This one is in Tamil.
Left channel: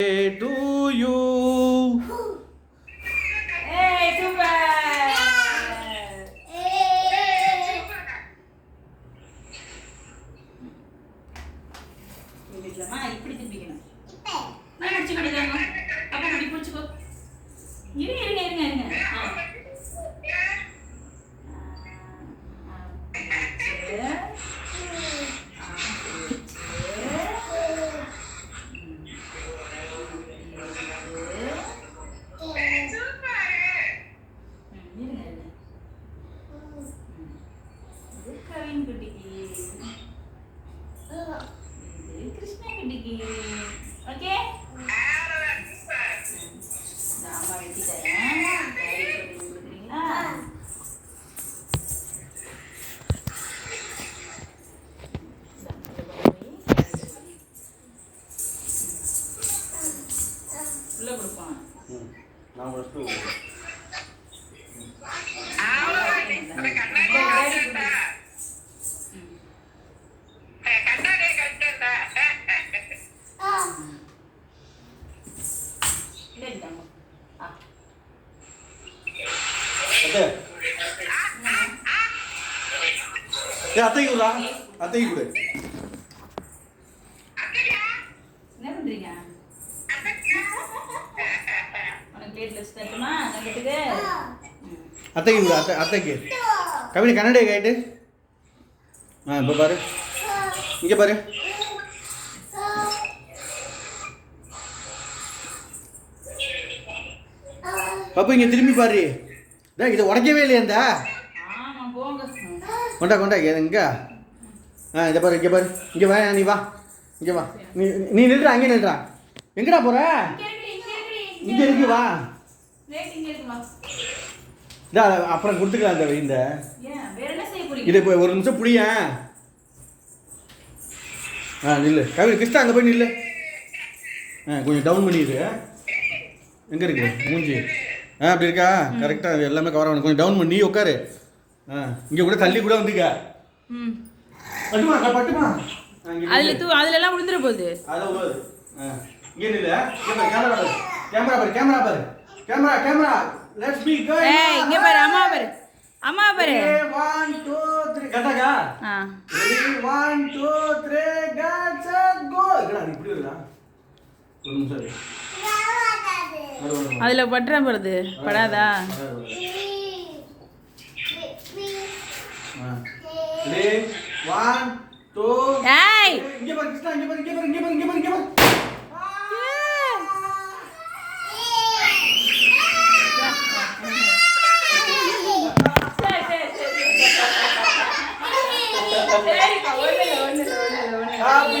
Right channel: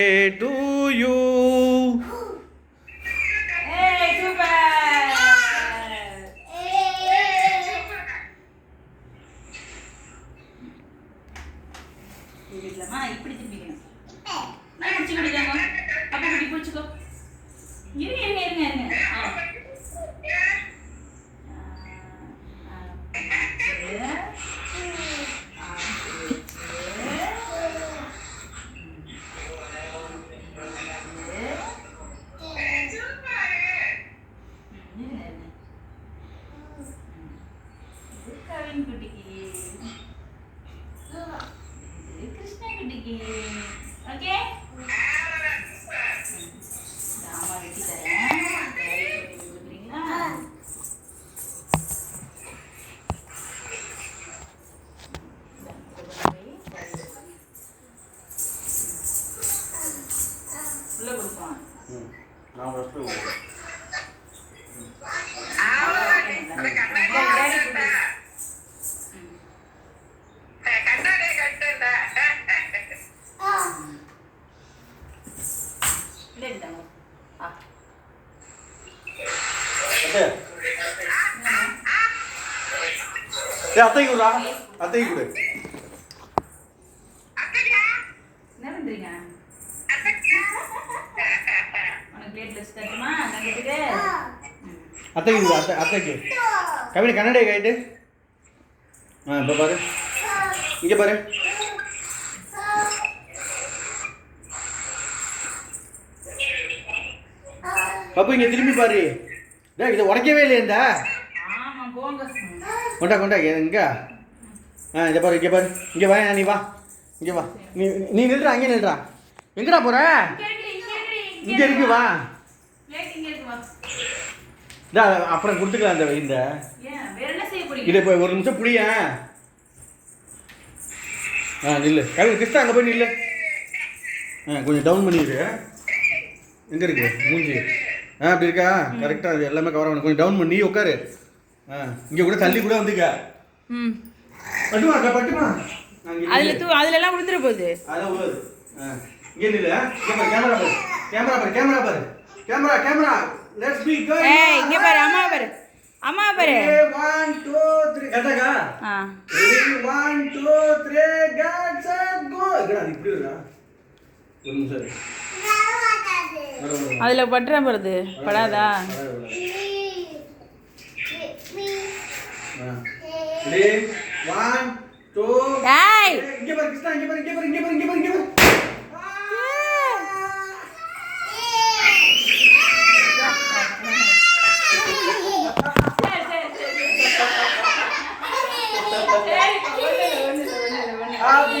to you. Hey, super. இதுலமா இப்படி திருப்பிக்கணும். நீ முடிச்சு குடிக்காம. அப்ப இப்படி புடிச்சுக்கோ. இருங்க. கவின் குட்டிக்கு கிருஷ்ணா குட்டிக்கு ஓகே சாம்பார் வெட்டி தரேன் கொடுக்குறீங்களா உள்ள கொடுப்போம் நான் ஃபர்ஸ்ட் அத்தைக்கு கொடு அத்தைக்கு கொடு. என்ன பண்றீங்க? உனக்கு பிளேட் வச்சு தட்டுமா தங்கத்துக்கு? அத்தைக்கு கொடு அத்தைக்கு. கவினை கண்ணாடி கைட்டு. இப்போ பாரு இங்கே பாரு. பாப்பா இங்கே திரும்பி பாரு. இதை உடைக்கவே இல்லையா? ஆமா போங்க. கொண்டா எங்க? இதை பாரு இங்கே பாரு. இங்கே வா நீ வா இங்கே வா. நீ நில்றா அங்கே நில்றா. எங்கடா போற? இங்கே இருக்கு வா. அப்புறம் கொடுத்துக்கலாம் இந்த இதை இப்போ ஒரு நிமிஷம் புளிய. நில்லு கவிதை கிறிஸ்தா அங்கே போய் நில்லு. கொஞ்சம் டவுன் பண்ணிடு. எங்கே இருக்கு மூஞ்சி? அப்படி இருக்கா? கரெக்டாக எல்லாமே கவர் ஆகணும். கொஞ்சம் டவுன் பண்ணி உட்காரு. இங்கே கூட தள்ளி கூட வந்துக்க. பட்டுமா அதுல விழுந்துற போகுது. அதான் உள்ளது. இங்கே நில்லு. கேமரா பாரு. Let's be going. இங்க பாரு அம்மா பாரு 1 2 3 கட்டகா. Ready 1 2 3 cut set go. என்னடா இப்படி வரா? ஒரு நிமிஷம். அதுல பட்ற போறது படாதா? ரெடி 1 2 ஏய் இங்க பாரு கிருஷ்ணா இங்க பாரு. Happy